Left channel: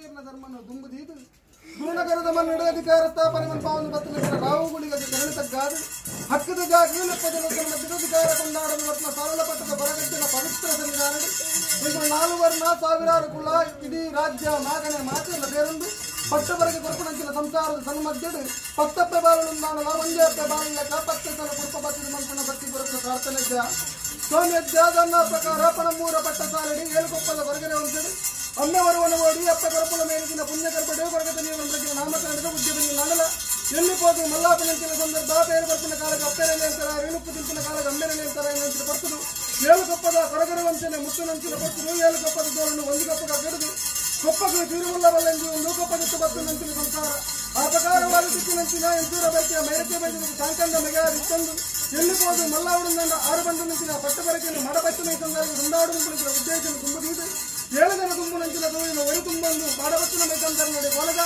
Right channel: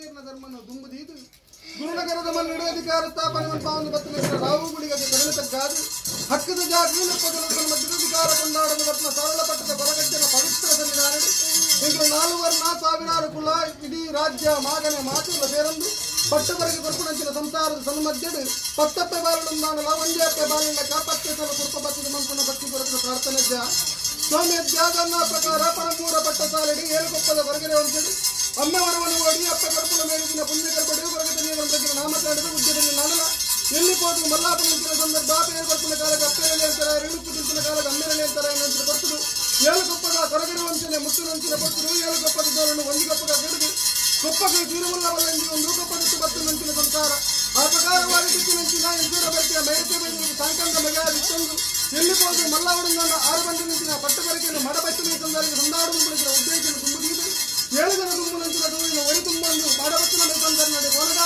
ಧರ್ಮನ ದುಂಬುದೀದು ಗುರುನಗರದ ಮನ್ನಡೆ ಅಧಿಕಾರ ಸ್ಥಾಪನೆ ಪಾವನ ಪತ್ರ ರಾವುಗಳಿಗೆ ಗಗನತಗ್ಗಾದು ಹಕ್ಕದ ಜಾಗೀಲ ಪದಗಳ ಮಧ್ಯದಾಧಿಕಾರ ಕೊಂಡಾಡಲು ರತ್ನ ಸಾರಳ ಪಟ್ಟದ ಬರಗಟ್ಟಿನ ಪವಿತ್ರ ಸನ್ನಿಧಾನಡಿ ಇಂದು 4 ವರ್ಣ ಸಾವಿರಾರು ಕುಲ ಇಡೀ ರಾಜ್ಯ ಮಾಗನೆ ಮಾತೆಲ್ಲ ಸೇರೊಂದು ಪಟ್ಟವರೆಗೆ ಕೊರಪುನಂಚಿನ ಸಂಸಾರದ ಸನ್ಮಧ್ಯಡು ಪತ್ತಪ್ಪೆ ಬಾಲನೊಂದಾಣಲ ಒಂದೇಪ್ಪೆ ಬಾಲಿನ ಕಾಪತ್ತೆ ಸಲ ಕುರುಪ ಬತ್ತಿದ ಮಂಪನ ಭಕ್ತಿ ಪುರಸ್ಕರ ಪ್ರಾರ್ಥನೆ ಸೋಮ್ಯಜ್ಞಾದನ್ನ ಪ್ರಕಾರ ಪರಮೂರ ಪಟ್ಟ ಸಾಲಿಡಿ ಏಳುಕೊಪ್ಪದ ಹೊರಗಡೆ ಹೊಂದಿದೆ ಅಮ್ಮವರವನ್ನು ಓಡಿ ಅಪ್ಪ ಕರಪುಲ ಮೇಲಿನ ಪುಣ್ಯಕರ್ಪಡೆ ಹೊರಗಡೆ ನೀರು ನಾಮಕರಣದ ಉದ್ಯದಲ್ಲಿ ನಾಡಲ ಎಲ್ಲಿ ಹೋಗಿ ಮಲ್ಲಾಪನಂತಿನ ಸಂದರ್ಭ ಬೇರೆ ಬರ್ತಿನ ಕಾಲಕ್ಕೆ ಅಪ್ಪೆರಲಿ ಅಂತಾರೆ ಇಳುಪ್ಪು ತಿಂತಿನ ಕಾಲಕ್ಕೆ ಅಮ್ಮೆರಲಿ ಅಂತಾರೆ ನಂತರ ಬರ್ತದು ಏಳುಕೊಪ್ಪದ ಹೊರಗಡೆ ವಂಚನೆ ಮುತ್ತುನಂಚಿನ ಬರ್ತರು ಏಳುಕೊಪ್ಪದ ದೋರನ್ನು ಒಂದು ಕೊಪ್ಪದ ಕೆಡದು ಕೊಪ್ಪಗೆ ತೀರುವುಲ್ಲವಲ್ಲಂಗಿ ಒಂದು ಕೊಪ್ಪದತ್ತು ಬತ್ತು ನಂಚಿನ ಸಂಸಾರ ಆ ಪ್ರಕಾರವಾಗಿ ತಿತ್ತಿನಂಚಿನ ಇಂದೂರ ಬೆಟ್ಟಿಯ ಮೈರತೆ ಬೈದಿಗೆ ಸಾಂಕಂದ ಮೆಗಾದಿತ್ತೊಂದು ಎಲ್ಲಿ ಹೋಗಿ ಮಲ್ಲಾವಡಂದ 6 ಬಂದು ನಿಂತಿನ ಪಟ್ಟಬರಿಕೆಯನ್ನು ಮಡಬಟ್ಟಿನ ಸಂದರ್ಭ ಸಂದಾಡು ಮುಂಬಳಿಸಿದ ಉದ್ದೇಶನ ತುಂಬುದೀದು 7 ಜನ ತುಂಬು ನಂಚಿನ ದೂರಿನ ಒಳಿ ತುಂಬಂದು ಮಾಡಬತ್ತಿನ ಮೇಕಂದರೆ ನಡೆ ಒಳಗ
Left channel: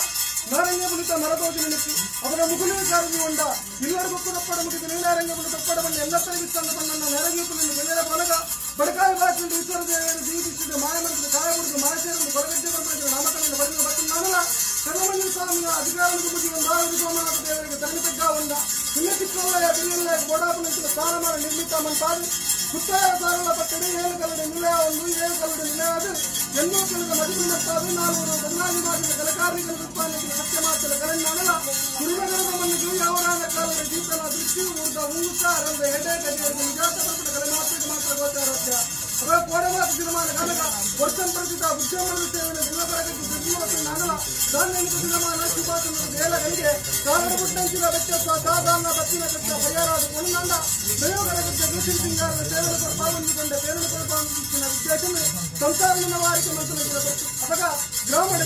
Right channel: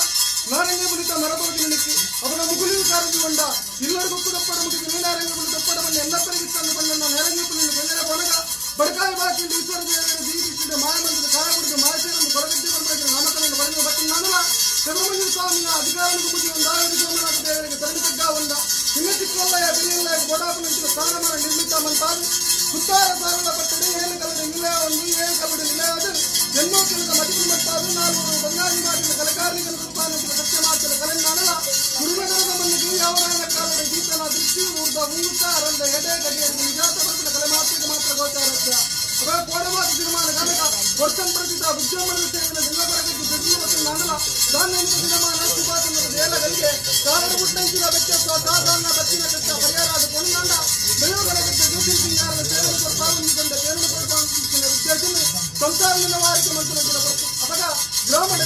ನಾರಂಗ ಬುಲಿತ ಮರದೋದಿನ ನಿಕ್ಕಿ ಅವನ ಮುಗುಲಿ ಕಾರಿಸಿಕೊಂಡ ಇಲ್ಲರ ಗೊಪ್ಪದಪ್ಪಡ ಮುಗಿದು ನೀಲಾರಂಗ ಬುಲಿತ ಒಪ್ಪಡವನ್ನು ಎಲ್ಲಪ್ಪರಿಗೆ ತಂದು ಬಂದ ನೆರವೀಪನ್ನು ಗೆಲ್ಲರ ಒಳಗ ಬಡಕಾಯಿ ಬಾಕಿಂದು ಈಶ್ವರ ದೇವರು ಜೀವಿಸಿದ ಮಾನವಂತದ ಕಾಲಗುಡಿಗೆ ಮಾಚೇರನ್ನು ಹೊರಗಟ್ಟಿ ಬಂದ ನಾಮಕರನ್ನು ಬರೆದ ಬಟ್ಟಿನ ನಾನಲ್ಲ ಕರುಮಂಜು ಸ್ವಾಮಿಯ ಅಧಿಕಾರಕ್ಕೆ ಬುದ್ಧಿ ಒಂದ ಸೋಮನಾಥ ದೇವರಿಗೆ ತರಣಿತಗ್ಗ ಒಂದ ಇನ್ನ ಚಿಕ್ಕಲ್ಲಯ್ಯ ಬಿಲ್ಲಯ್ಯ ಗೋಡಾಪನಂಚಿನ ಸ್ಥಾನಮಾನ ನಿರ್ಮಿತ ಮಂತಾದು ಸುತ್ತಾರ ಸಾರಳ ಪಟ್ಟಣೆ 7 ಕಲ್ಲಡ ನಿಲಯ ಒಂದು 7 ಕಲ್ಲಡ ನಿಲಯದು ಎನ್ನೋ ಕೆಲದ ಮದುವೆ ಮಟ್ಟಾದು 400 ಬಂಗಾಳಿ ಮಾಡಿದ ಕಲಕಾರಿಗಳ ಉತ್ಪಾದನೆಯ ಸತ್ಯಮಾಚಲ ಕಲೆನ್ನಾನಲ ಗುರುನಗರದ ಮಣ್ಣಿಗೆ ಯಾವನಾನ ಕಾಲದ ದೀಪನ ದೃಷ್ಟಿ ಊರ್ಧ ಉಂಗುತ್ತ ಅರಂದ ಎಡೆ ಗಡಿಯಲ್ಲಿ ನಿಜಾತ ಬರ್ತಿನ ಕಲೆ ಮಾತಿಗೆ ಮಾತ್ರ ಗೋಚಾರಸ್ಯ ಅವರ ಕೋಡಮಾತ ಸಿನಿಮಾನ ಕನಕ ವರ್ಷಂ ಪ್ರಸಿದ್ಧ ಉದ್ಯಮ ಸೇವೆಯ ಜಿಲ್ಲಬರಗಕ್ಕೆ ದುರ್ಜೀವತಿ ನಾನಲ ಧಾನ್ಯನಿಕ ಸಿನಿಮಾನ ಸುಭಾಷಣದ ನೇಲಗಳಿಗೆ ಸಾವಿರ ಪುಟ್ಟಂಚಿನ ವ್ಯತ್ಯಾಸ ಸಾಧಾರಣ ಬತ್ತಿನ ಕಷ್ಟ ಪರಿಹಾರದ ಕೊಣಂದ ಪ್ರಯೋಗರಗಕ್ಕೆ ಜ್ಯೋತಿರ್ಸಿಂಗಾರದ ಸೇವೆಯ ಪಾಲ್ಗೊಂಡಿಕೊಂಡ ಕೇರಳ ಕೊರಪಾಂಚಿನ ವಿದ್ಯಾಸನ ಸಂಸಾರನ ವಾರಿಕೆ ಮಂತ್ರಗಳ ಬರ್ತು ಅಪಗ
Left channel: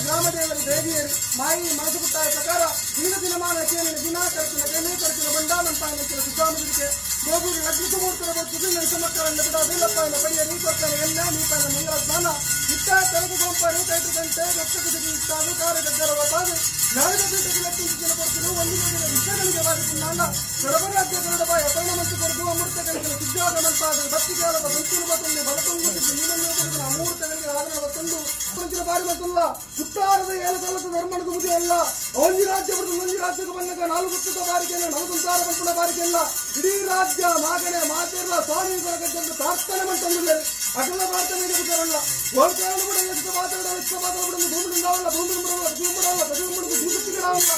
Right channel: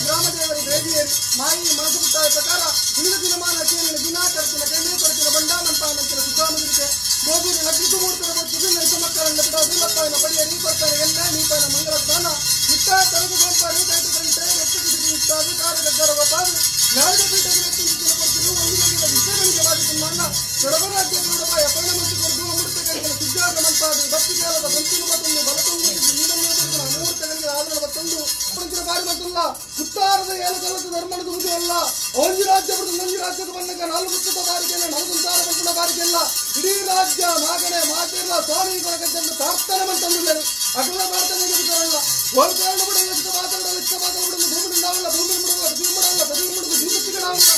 ಗ್ರಾಮದೇವರು ದೇವಿಯರು ಮಾಯಿ ಮಾತುಕುತ್ತಾಯ ಪ್ರಕಾರ ಉಳಿದ ದಿನಮಾನ ಕೇಳಿನ ದಿನ ಖರ್ಚಿನ ಕೆಮ್ಮೆ ಖರ್ಚಿನ ಬಂಡಾಮಂಪಾಯನಂಚಿನ ಸುಧಾಮನಿಗೆ ಗೋಧೂರಿ ಅಗ್ನಿಸುಮೂರ್ತನ ಬೊಚ್ಚಿಗೆ ಮಕ್ಕಳನ್ನ ಬಿಡೋದಿಲ್ಲಪ್ಪಾಯನ ಪಡೆಯ ನೀಕೊಡ್ತಾನೆ ಎಲ್ಲ ನೀತಾನ ಮಂಗಳ ಸ್ನಾನ ಇತ್ತಾಯ ಕರಗ ಗೊಂಪಾಡಿ ಕೈಟು ಗಂಟೆ ಎತ್ತಕ್ಕೆ ಇತ್ತಾದು ಕಾರ್ಯಗದ್ದರ ಒಪ್ಪಾದು ನ್ಯಾಯದ ಪೀಠಕ್ಕೆ ಲೆಕ್ಕಿಸಿದ ಕೊಡ್ತಿರು ಒಂದು ಗಂಟೆಯ ವಿಷಯಗಳಿಗೆ ಬಾಧಿಸಿಲ್ಲ ಸರ್ವರಾಜ್ಯ ಕನ್ನಡಬಾಯ ಪರಿಣಾಮಕ್ಕೆ ಕೊರದು ಅಮೃತ ಕೈಗಳ ಸಿದ್ಧಾದ ಮಂತಾದು ಭಕ್ತಿಕಾಲದ ಬಂತಿರುವುದನ್ನು ಬಲತೊಂದಿಸಿ ನೀಡಲು ಅಮೂರ್ತಗಳಿಗೆ ಆದರದ ತಂದು ಪುರಂಚಿನ ಬಾರಿ ಬಂತಲ್ಲ ಉತ್ತಾರದ 7 ಕಲ್ಲದ ಧರ್ಮಣದ ಮುಗಿ ಅಲ್ಲ ಒಂಜಿ ರಾಜ್ಯ ಬರುದು ಒಂಜಿ ರಾಜ್ಯದ ಬಣ್ಣಗ 4 ಪುಸ್ತಕ ಬಾರಿಕೆಲ್ಲ 4 ಸಾರ ಬಂಪುಳ ಬಾರಿಕೆಲ್ಲ ಇಡೀ ರಾಜ್ಯ ಮಾಗನೆ ಮಾತಿರಲ್ಲ ಸ್ವಾಮಿ ಕೊರಗದ್ದೆಂದು ಪ್ರಾರ್ಥನೆ ಮಂತಂದಿದ್ದಾರೆ ಅಟಲ ಪ್ರಾರ್ಥನೆಗೆ ಬಿಡಲ್ಲ ಒಂದು ಕಾರಣ ಕೂಡ ಎಷ್ಟು ಮಾತಾಡೋದು ಭೂಮಿ ಬಿಡಲ್ಲ ಭೂಮಿ ಬಿಡಲ್ಲ ಜೀವ ಬಿಡಲ್ಲ ಜೀವ ಬಿಡುದು ಜೀವತ್ತಿಗಡವಲ್ಲ